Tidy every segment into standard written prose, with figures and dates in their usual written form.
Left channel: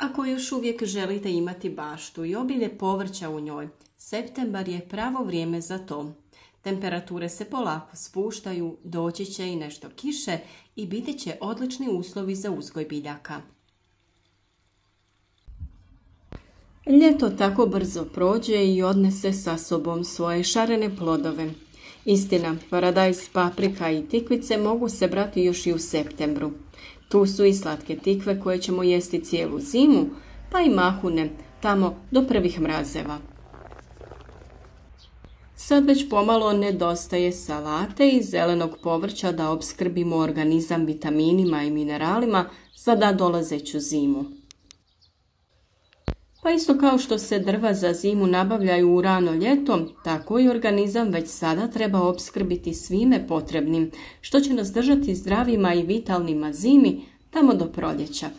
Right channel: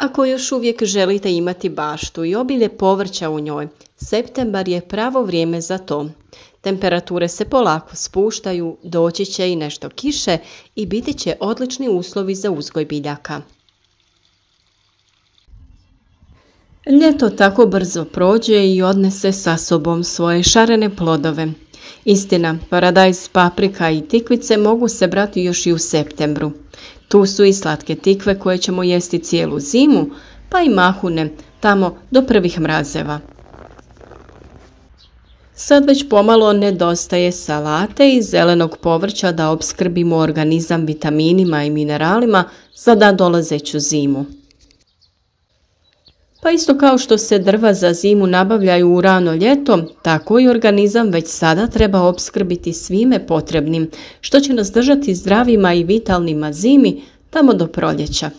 Ako još uvijek želite imati baštu i obilje povrća u njoj, septembar je pravo vrijeme za to. Temperature se polako spuštaju, doći će i nešto kiše i biti će odlični uslovi za uzgoj biljaka. Ljeto tako brzo prođe i odnese sa sobom svoje šarene plodove. Istina, paradajz, paprika i tikvice mogu se brati još i u septembru. Tu su i slatke tikve koje ćemo jesti cijelu zimu, pa i mahune, tamo do prvih mrazeva. Sad već pomalo nedostaje salate i zelenog povrća da opskrbimo organizam vitaminima i mineralima za nadolazeću zimu. Pa isto kao što se drva za zimu nabavljaju u rano ljeto, tako i organizam već sada treba opskrbiti svime potrebnim, što će nas držati zdravima i vitalnima zimi tamo do proljeća.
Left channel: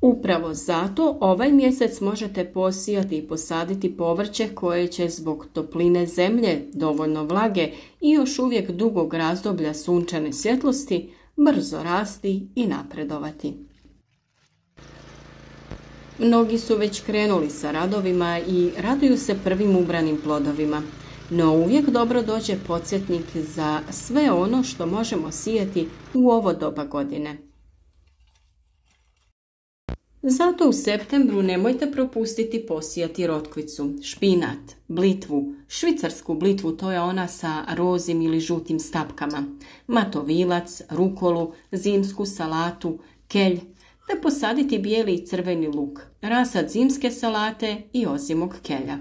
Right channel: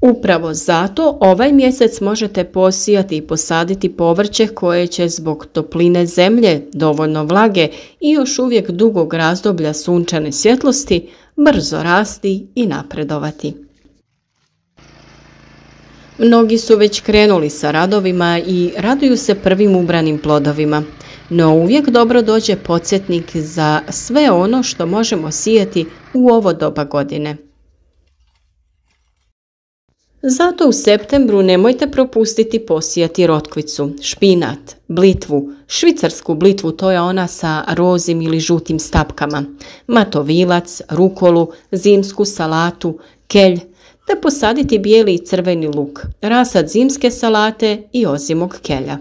Upravo zato ovaj mjesec možete posijati i posaditi povrće koje će zbog topline zemlje, dovoljno vlage i još uvijek dugog razdoblja sunčane svjetlosti brzo rasti i napredovati. Mnogi su već krenuli sa radovima i raduju se prvim ubranim plodovima, no uvijek dobro dođe podsjetnik za sve ono što možemo sijati u ovo doba godine. Zato u septembru nemojte propustiti posijati rotkvicu, špinat, blitvu, švicarsku blitvu, to je ona sa rozim ili žutim stapkama, matovilac, rukolu, zimsku salatu, kelj, te posaditi bijeli i crveni luk, rasad zimske salate i ozimog kelja.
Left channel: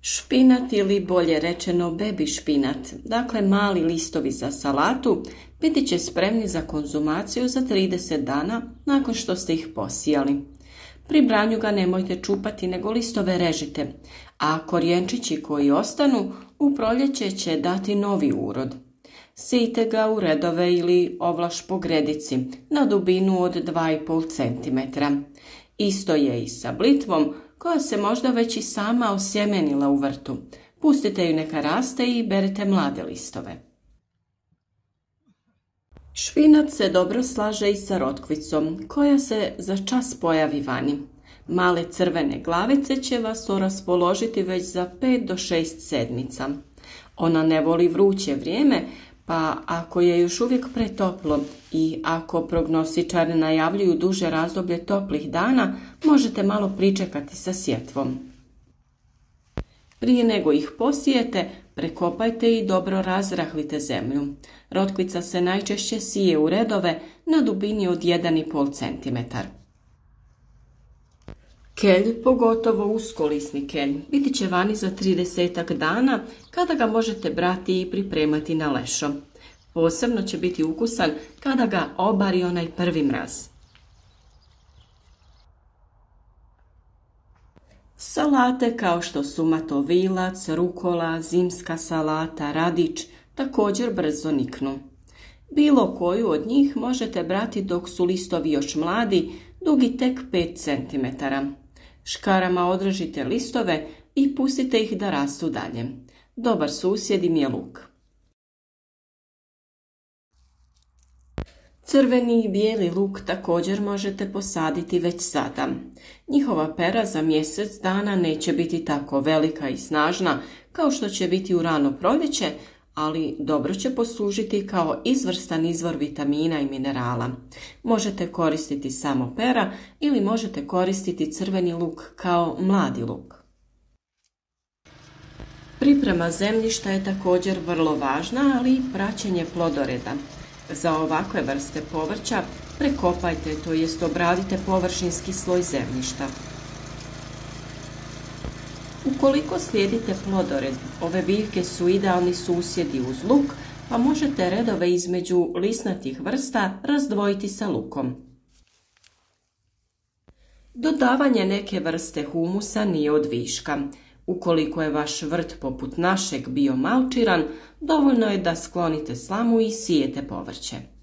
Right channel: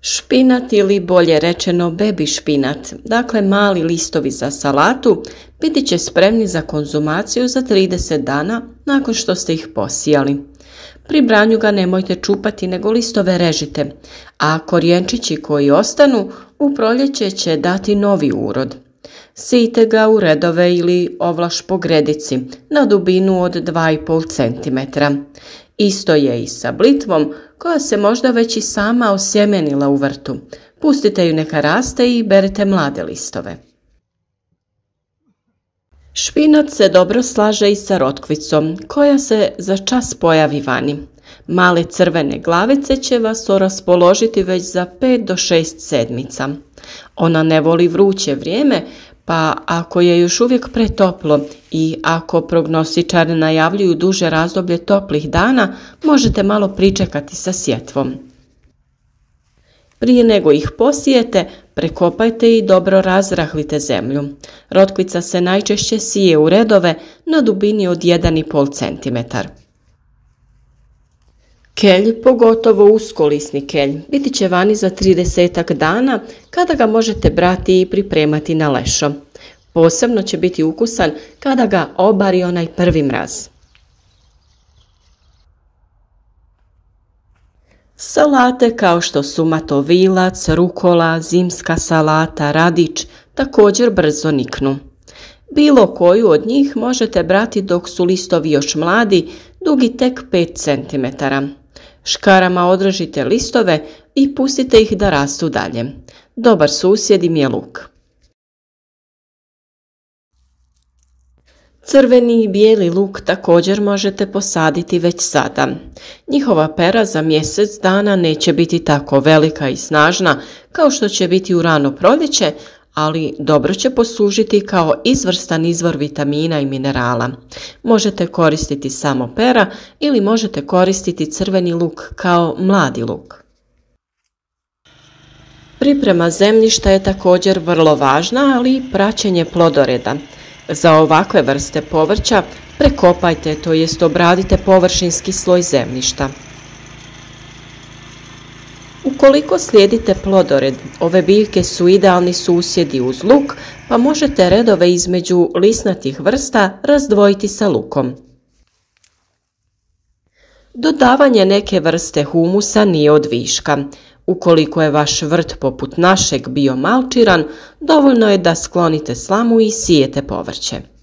Špinat ili bolje rečeno baby špinat, dakle mali listovi za salatu, biti će spremni za konzumaciju za 30 dana nakon što ste ih posijali. Pri branju ga nemojte čupati nego listove režite, a korijenčići koji ostanu u proljeće će dati novi urod. Sijte ga u redove ili ovlaš po gredici na dubinu od 2,5 cm. Isto je i sa blitvom koja se možda već i sama osjemenila u vrtu. Pustite ju neka raste i berite mlade listove. Špinat se dobro slaže i sa rotkvicom koja se za čas pojavi vani. Male crvene glavice će vas raspoložiti već za 5 do 6 sedmica. Ona ne voli vruće vrijeme, pa ako je još uvijek pretoplo i ako prognostičari najavljuju duže razdoblje toplih dana, možete malo pričekati sa sjetvom. Prije nego ih posijete, prekopajte i dobro razrahlite zemlju. Rotkvica se najčešće sije u redove na dubini od 1,5 cm. Kelj, pogotovo uskolisni kelj, biti će vani za 30 dana kada ga možete brati i pripremati na lešo. Posebno će biti ukusan kada ga obari onaj prvi mraz. Salate kao što su matovilac, rukola, zimska salata, radič također brzo niknu. Bilo koju od njih možete brati dok su listovi još mladi, dugi tek 5 cm. Škarama odrežite listove i pustite ih da rastu dalje. Dobar susjed im je luk. Crveni i bijeli luk također možete posaditi već sada. Njihova pera za mjesec dana neće biti tako velika i snažna kao što će biti u rano proljeće, ali dobro će poslužiti kao izvrstan izvor vitamina i minerala. Možete koristiti samo pera ili možete koristiti crveni luk kao mladi luk. Priprema zemljišta je također vrlo važna, ali i praćenje plodoreda. Za ovakve vrste povrća prekopajte, to jest obradite površinski sloj zemljišta. Ukoliko slijedite plodored, ove biljke su idealni susjedi uz luk, pa možete redove između lisnatih vrsta razdvojiti sa lukom. Dodavanje neke vrste humusa nije od viška. Ukoliko je vaš vrt poput našeg bio malčiran, dovoljno je da sklonite slamu i sijete povrće.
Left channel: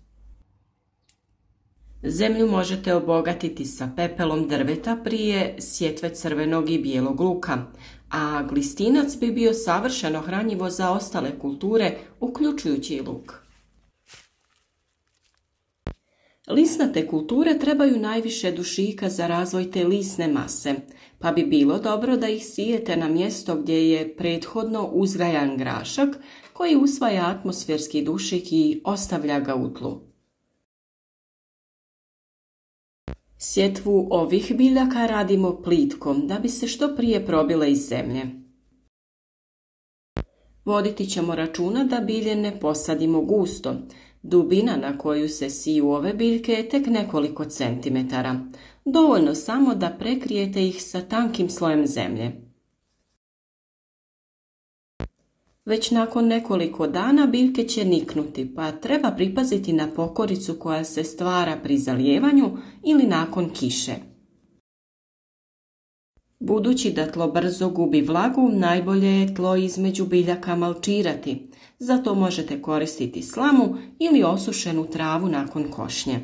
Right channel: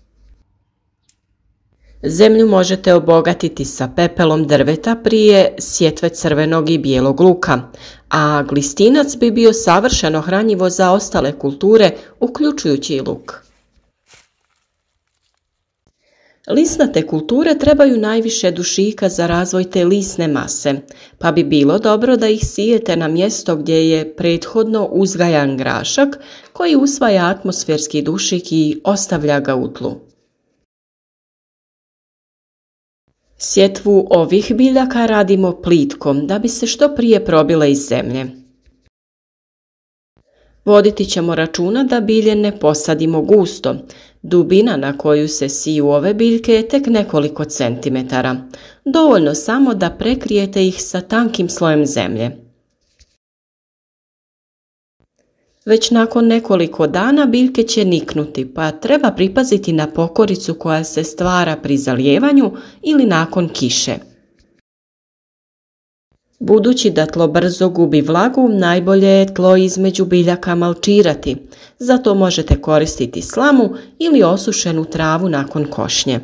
Zemlju možete obogatiti sa pepelom drveta prije sjetve crvenog i bijelog luka, a glistinac bi bio savršeno hranjivo za ostale kulture, uključujući i luk. Lisnate kulture trebaju najviše dušika za razvoj te lisne mase, pa bi bilo dobro da ih sijete na mjesto gdje je prethodno uzgajan grašak koji usvaja atmosferski dušik i ostavlja ga u tlu. Sjetvu ovih biljaka radimo plitkom da bi se što prije probile iz zemlje. Voditi ćemo računa da bilje ne posadimo gusto. Dubina na koju se siju ove biljke je tek nekoliko centimetara. Dovoljno samo da prekrijete ih sa tankim slojem zemlje. Već nakon nekoliko dana biljke će niknuti, pa treba pripaziti na pokoricu koja se stvara pri zalijevanju ili nakon kiše. Budući da tlo brzo gubi vlagu, najbolje je tlo između biljaka malčirati. Zato možete koristiti slamu ili osušenu travu nakon košnje.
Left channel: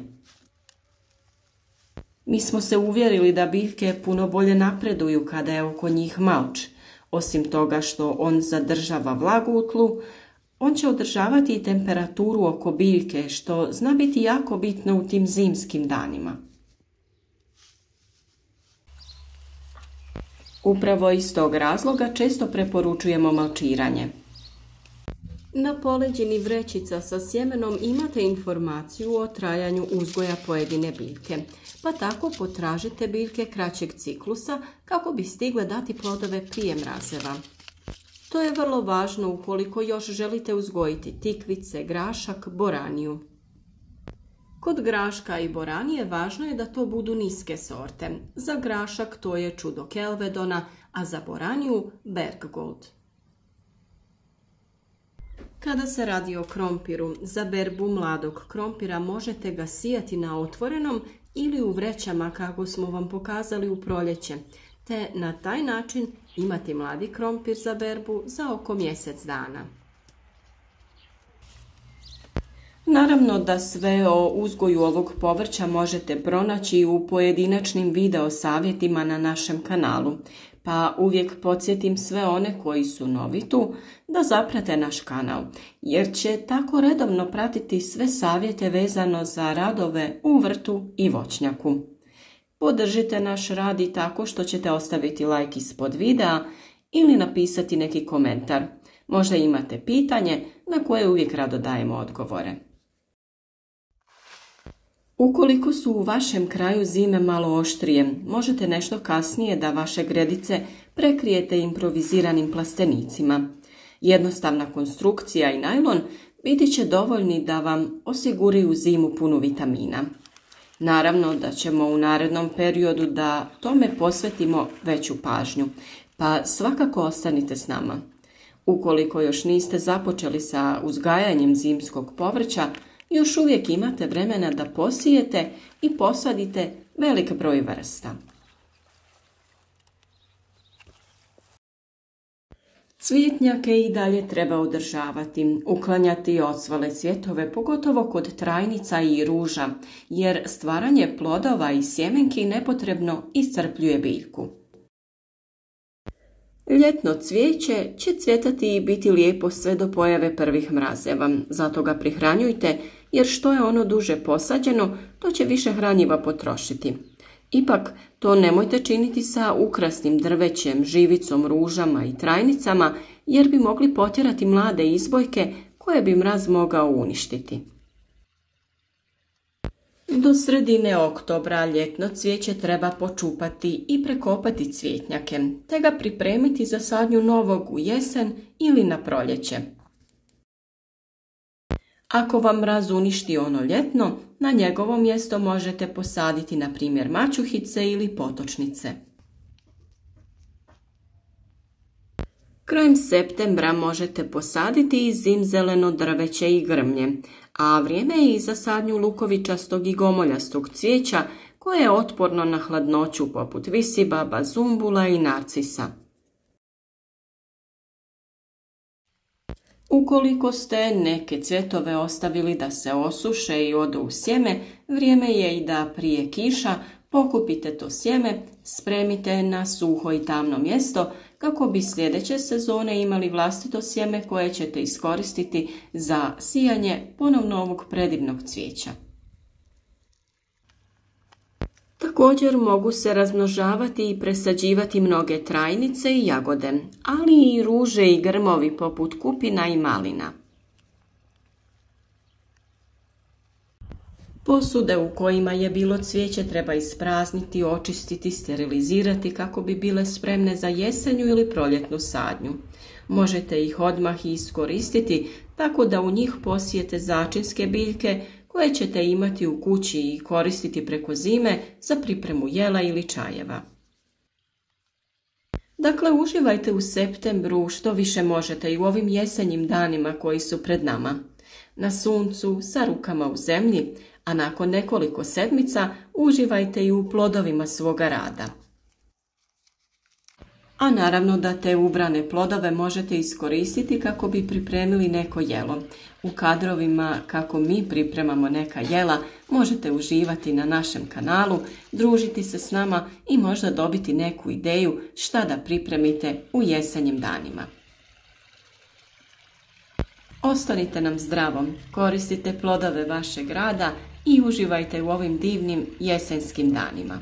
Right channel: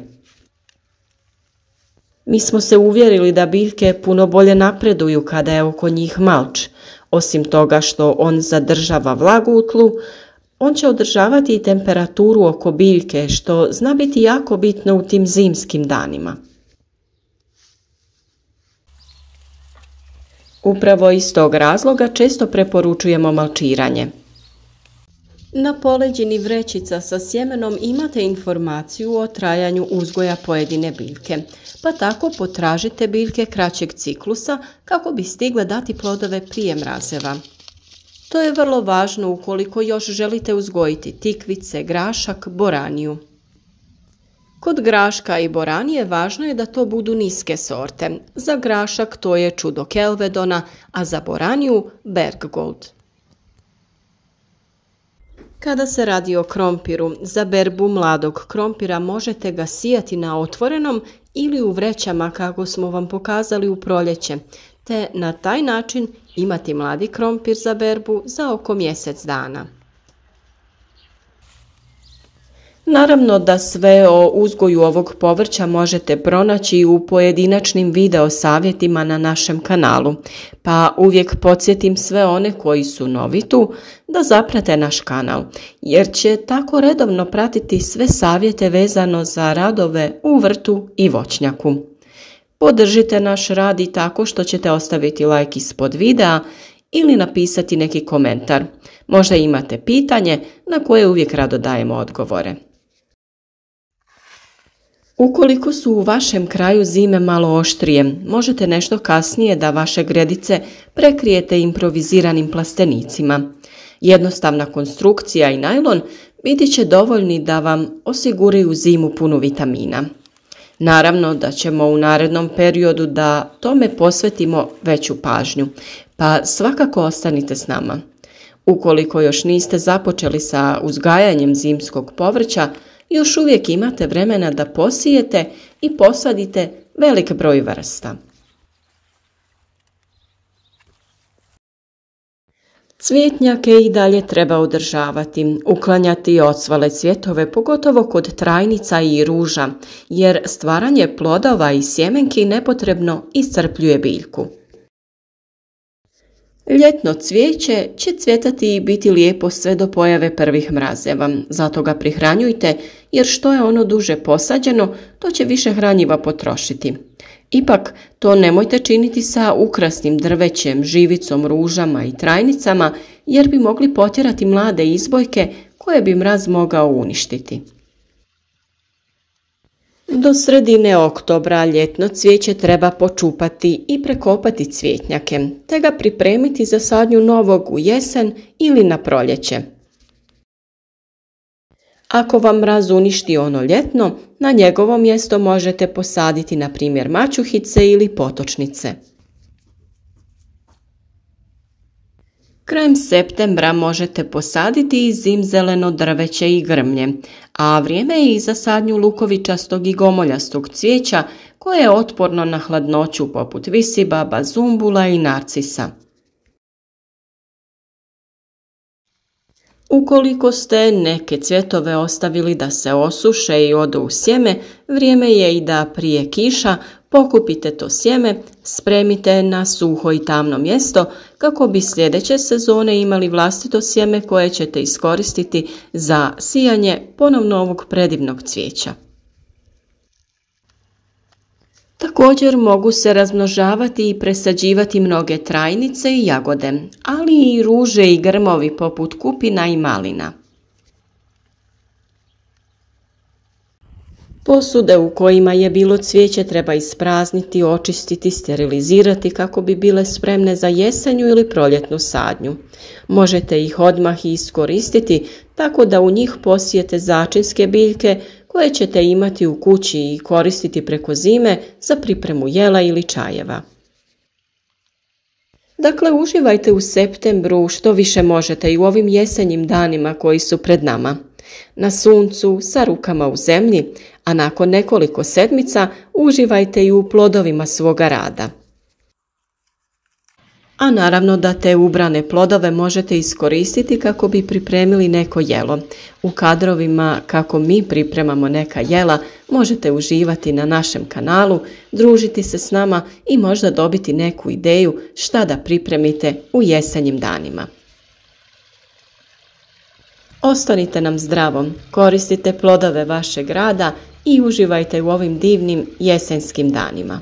Mi smo se uvjerili da biljke puno bolje napreduju kada je oko njih malč. Osim toga što on zadržava vlagu u tlu, on će održavati i temperaturu oko biljke, što zna biti jako bitno u tim zimskim danima. Upravo iz tog razloga često preporučujemo malčiranje. Na poleđini vrećica sa sjemenom imate informaciju o trajanju uzgoja pojedine biljke, pa tako potražite biljke kraćeg ciklusa kako bi stigle dati plodove prije mrazeva. To je vrlo važno ukoliko još želite uzgojiti tikvice, grašak, boraniju. Kod graška i boranije važno je da to budu niske sorte. Za grašak to je čudo Kelvedona, a za boraniju Berggold. Kada se radi o krompiru, za berbu mladog krompira možete ga sijati na otvorenom ili u vrećama kako smo vam pokazali u proljeće, te na taj način imati mladi krompir za berbu za oko mjesec dana. Naravno da sve o uzgoju ovog povrća možete pronaći u pojedinačnim video savjetima na našem kanalu, pa uvijek podsjetim sve one koji su novi tu da zaprate naš kanal, jer će tako redovno pratiti sve savjete vezano za radove u vrtu i voćnjaku. Podržite naš rad i tako što ćete ostaviti like ispod videa ili napisati neki komentar. Možda imate pitanje na koje uvijek rado dajemo odgovore. Ukoliko su u vašem kraju zime malo oštrije, možete nešto kasnije da vaše gredice prekrijete improviziranim plastenicima. Jednostavna konstrukcija i najlon biti će dovoljni da vam osiguraju zimu punu vitamina. Naravno da ćemo u narednom periodu da tome posvetimo veću pažnju, pa svakako ostanite s nama. Ukoliko još niste započeli sa uzgajanjem zimskog povrća, još uvijek imate vremena da posijete i posadite velik broj vrsta. Cvjetnjake i dalje treba održavati, uklanjati ocvale cvjetove, pogotovo kod trajnica i ruža, jer stvaranje plodova i sjemenki nepotrebno iscrpljuje biljku. Ljetno cvijeće će cvjetati i biti lijepo sve do pojave prvih mrazeva, zato ga prihranjujte jer što je ono duže posađeno, to će više hranjiva potrošiti. Ipak, to nemojte činiti sa ukrasnim drvećem, živicom, ružama i trajnicama jer bi mogli potjerati mlade izbojke koje bi mraz mogao uništiti. Do sredine oktobra ljetno cvijeće treba počupati i prekopati cvjetnjake, te ga pripremiti za sadnju novog u jesen ili na proljeće. Ako vam mraz uništi ono ljetno, na njegovo mjesto možete posaditi na primjer mačuhice ili potočnice. Krajem septembra možete posaditi i zimzeleno drveće i grmlje, a vrijeme je i za sadnju lukovičastog i gomoljastog cvijeća koje je otporno na hladnoću poput visibaba, zumbula i narcisa. Ukoliko ste neke cvjetove ostavili da se osuše i odu u sjeme, vrijeme je i da prije kiša pokupite to sjeme, spremite na suho i tamno mjesto kako bi sljedeće sezone imali vlastito sjeme koje ćete iskoristiti za sijanje ponovno ovog predivnog cvijeća. Također mogu se razmnožavati i presađivati mnoge trajnice i jagode, ali i ruže i grmovi poput kupina i malina. Posude u kojima je bilo cvijeće treba isprazniti, očistiti, sterilizirati kako bi bile spremne za jesenju ili proljetnu sadnju. Možete ih odmah iskoristiti tako da u njih posijete začinske biljke koje ćete imati u kući i koristiti preko zime za pripremu jela ili čajeva. Dakle, uživajte u septembru što više možete i u ovim jesenjim danima koji su pred nama. Na suncu, sa rukama u zemlji, a nakon nekoliko sedmica uživajte i u plodovima svoga rada. A naravno da te ubrane plodove možete iskoristiti kako bi pripremili neko jelo. U kadrovima kako mi pripremamo neka jela možete uživati na našem kanalu, družiti se s nama i možda dobiti neku ideju šta da pripremite u jesenjim danima. Ostanite nam zdravom, koristite plodove vašeg rada i uživajte u ovim divnim jesenskim danima.